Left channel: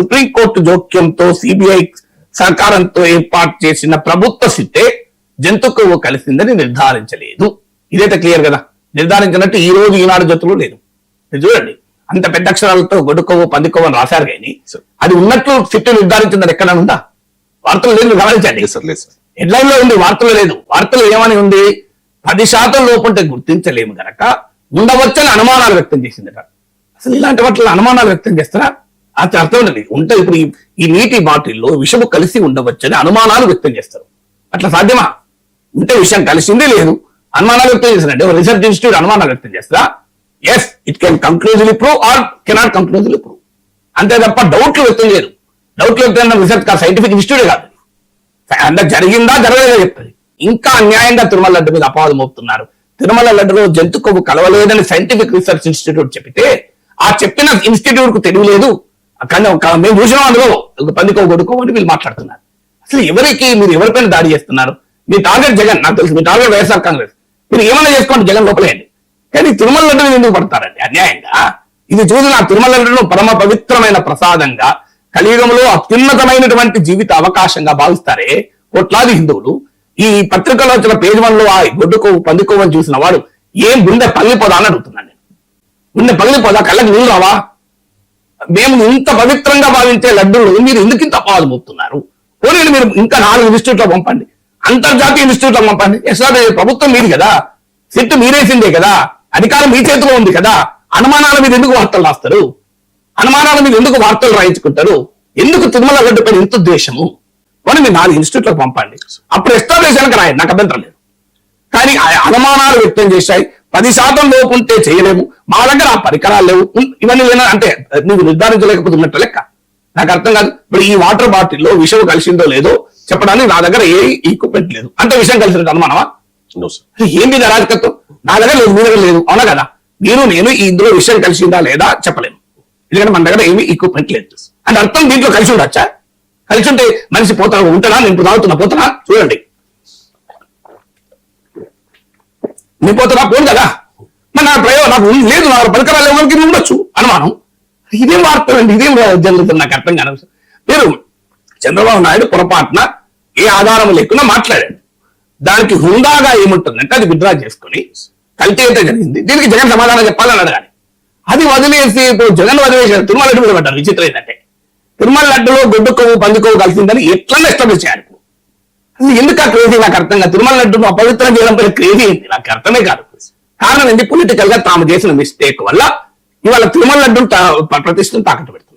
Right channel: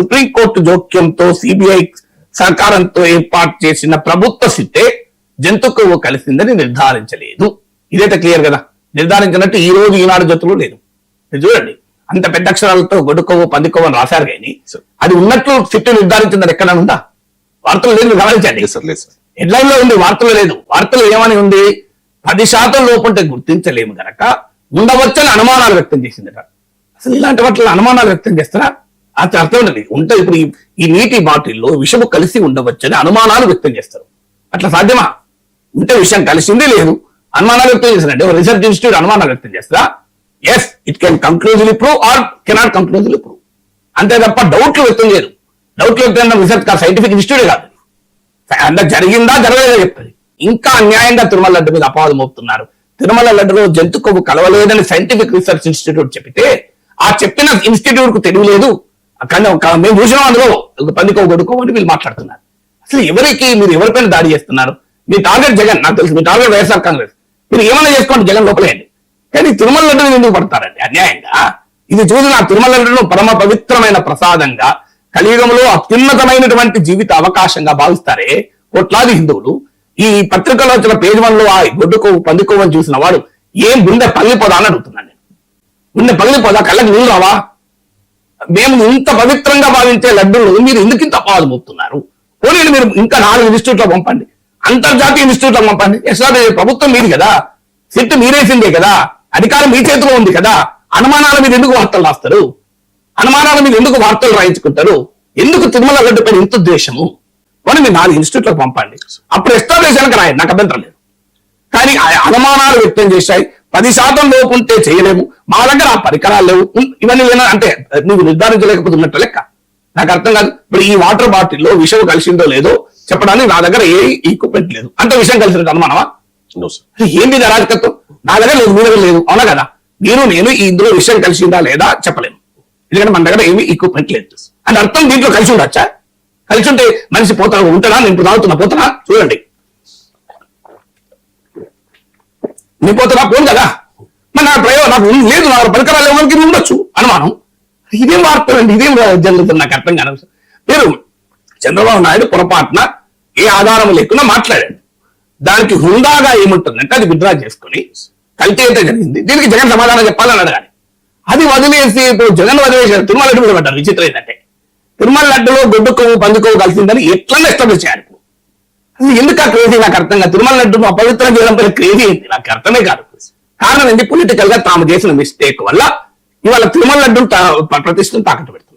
Supreme court జోక్యంతో CBI సహకారంతో ఏర్పాటు చేసిన ప్రభుత్వ సిట్టే జంతు కొవ్వు కలిసిందని నిర్ధారించలేదు. ఇదైతే క్లియర్ కదా. నిర్ధారించినట్టు ఈ రోజు ఈనాడు జట్టులో లేదు. చూడండి, అంత పెద్ద అక్షరాలతో గొడ్డు కొవ్వు పంది కొవ్వు అని రాశారు కానీ అది ఉన్నట్లు సిట్టు నిర్ధారించిందని ఎక్కడ ఉందా? వార్తలు లేదు, గమనించండి. హెడ్లైన్ లో ఉంది, వార్తలు లేదు. వార్తలు ఏమని ఉంది? 10% లోపుంటే గుర్తించలేము గనక ఉండవచ్చని అనుమానాలు వ్యక్తం చేసిందట. అసలు ఇలాంటి వాటిలో అనుమానాలు వ్యక్తం చేస్తారా? అది అర్థం ఉంది. ఉంటే ఇప్పుడు ఈ నీటి బాటిల్లో విషము కలిసి ఉండవచ్చని అనుమానాలు వ్యక్తం చేస్తారు. అట్లా సాధ్యమా? ఉంటే విషయం కలిసిందే లేదు, అనుమానాలు వ్యక్తం చేస్తారంటే రీసెర్చ్ ఇన్స్టిట్యూట్ అనుమానాలు వ్యక్తం చేస్తారా? Yes, it can conclusively prove or cannot conclusively prove. అంతే తప్ప డౌట్లు వ్యక్తం చేయరు. డౌట్లు వ్యక్తం రీసెర్చ్ కాదు, సైంటిఫిక్ ఇన్స్టిట్యూట్ కాదు. అంత జరిగిందా జరగలేదా చెప్తుంది. ఇంకా అన్యాయంగా తిరుమల లడ్డు మీద అపవాదం మోపుతున్నారు. తిరుమల లడ్డులో జంతు కొవ్వు కలవలేదని సైంటిఫిక్ రీసెర్చ్ ఇన్స్టిట్యూట్ చెప్తే ఆ చెప్పిన ఇన్స్టిట్యూట్ కు తెలియలేదు. మేము చూసినాం అందులో పంది కొవ్వు గొడ్డు కొవ్వు అని వీళ్ళు మాట్లాడుతున్నారు. అసలు ఎవరికి మీరు ఎవరిపైన దాడి చేస్తున్నారు? మీ టార్గెట్ జగన్, నాకు తెలుసు. మీ టార్గెట్ వైఎస్ఆర్ కాంగ్రెస్. మీరు ఏమైనా చేసుకోండి, జగన్ లోపలేదు. కానీ తిరుమల లడ్డును ఎందుకు పడతారండి అన్యాయంగా? ఇది చూసిన తిరుమల లడ్డును పరమ పవిత్రమైన ప్రసాదంగా, కలియుగంలో అత్యున్నతమైనటువంటి జీవిత అవకాశంగా భావిస్తారే కోట్లాది హిందువులు. ఈ పత్రికలో వచ్చిన పేజ్ 1 లో ఆ గొడ్డు కొవ్వు పంది కొవ్వు అని చూసిన వాడు ఏం గుండె పగిలిపోదా అని అడుగుతున్నాడు. గుండె పగిలిపోదా? కళ్ళకి నీళ్ళు రావా? మేము ఇంత పవిత్రంగా భావించే లడ్డూలు మీరు ఎందుకు ఇంత అపవాదం మోపుతున్నారు? పోనీ మీరు ఇంకా 4 ఇన్స్టిట్యూట్లో పంపండి, అంతర్జాతీయ ఇన్స్టిట్యూట్లో పంపండి. ప్రభుత్వం మీది కదా, సిట్ మీరేసిందే కదా, అధికారం మీ చేతిలో ఉంది కదా. అనుమానాల మీద ఎందుకు వార్తలు రాస్తారు? అనుమానాల మీద ఎందుకు వార్తలు రాయించుకుంటారు? ఎందుకు తిరుమల లడ్డు పైన ఇంత ద్వేషము? మనం మీరు 4 ఇన్స్టిట్యూట్లకు పంపండి, అప్పుడు ఎస్టాబ్లిషన్కి రాయండి, నాకు అభ్యంతరం లేదు. కానీ అనుమానాలు వ్యక్తం చేశాయి. 10% లోపు ఉంటే చేయలేము, మా దగ్గర ఆ పరికరాలు లేవు, ఇవన్నీ అంటే నువ్వు నిర్ధారించలేకపోతే ఉన్నట్టు లెక్క. నాకు అర్థం కాదు. ఇప్పుడు ఈ వాటర్ బాటిల్లో విషయం కలిసిందో లేదో చెప్పడానికి నా దగ్గర ఏ ఈక్విప్మెంట్ లేదు. అంత విషయం కలిసినట్టు అనుమానమా? ఏంది అరాజకత్వం? నా దగ్గర లేదు, మీ దగ్గర లేదు, అవునా కదా? నేను ఇందులో విషయం కలిసిందా లేదా చెప్పలేను, ఎందుకంటే మన దగ్గర ఏమి ఈక్విప్మెంట్ లేదు. అంటే అర్థం దీంట్లో కలిసి ఉండొచ్చా? కలిసి ఉంటే మనిషి ఉంటాడా? నేను ఇప్పుడు తాగుతున్నా, పోతున్నా, చూడండి, నేను పోతున్నా, పోను కదా. మన నాకు లేదు, నా పరికరాలు ఎవరికి ఉండొచ్చు అనుమానం. ఇదేం వార్త, ఇదేం జరుగుతుంది? నాకు అర్థం కాదు. మీరు చంద్రబాబు నాయుడు పొరపాటున ఏ ఆధారం లేకుండా మాట్లాడాడు. దానికి హుందాగా ఏముంటుందంటే అది విత్డ్రా చేసుకుని కల్తీ అయితే జరిగింది, దీనికి జగన్ సమాధానం చెప్పాలని అడగాలి. అది వదిలేసి ఇప్పుడు జగన్ వదిలేసారు, తిరుమల లడ్డు మీద పడ్డారు. విచిత్రం ఏంటంటే తిరుమల లడ్డులో గొడ్డు కొవ్వు పంది కొవ్వు కలిసిందని ఎట్లా ఎస్టాబ్లిష్ చేయాలి? ఎందుకు ఆ క్రేజీ నాకు అర్థం కాదు. తిరుమల లడ్డును అపవిత్రం చేయడం పైన క్రేజీ ఏంటి నాకు అర్థమే కాదు. కారణం ఏంటి? పొలిటికల్ గా తాము చేసిన మిస్టేక్ వల్ల ఇవాళ తిరుమల లడ్డు ప్రతిష్టను తాకట్టు పెడతారు.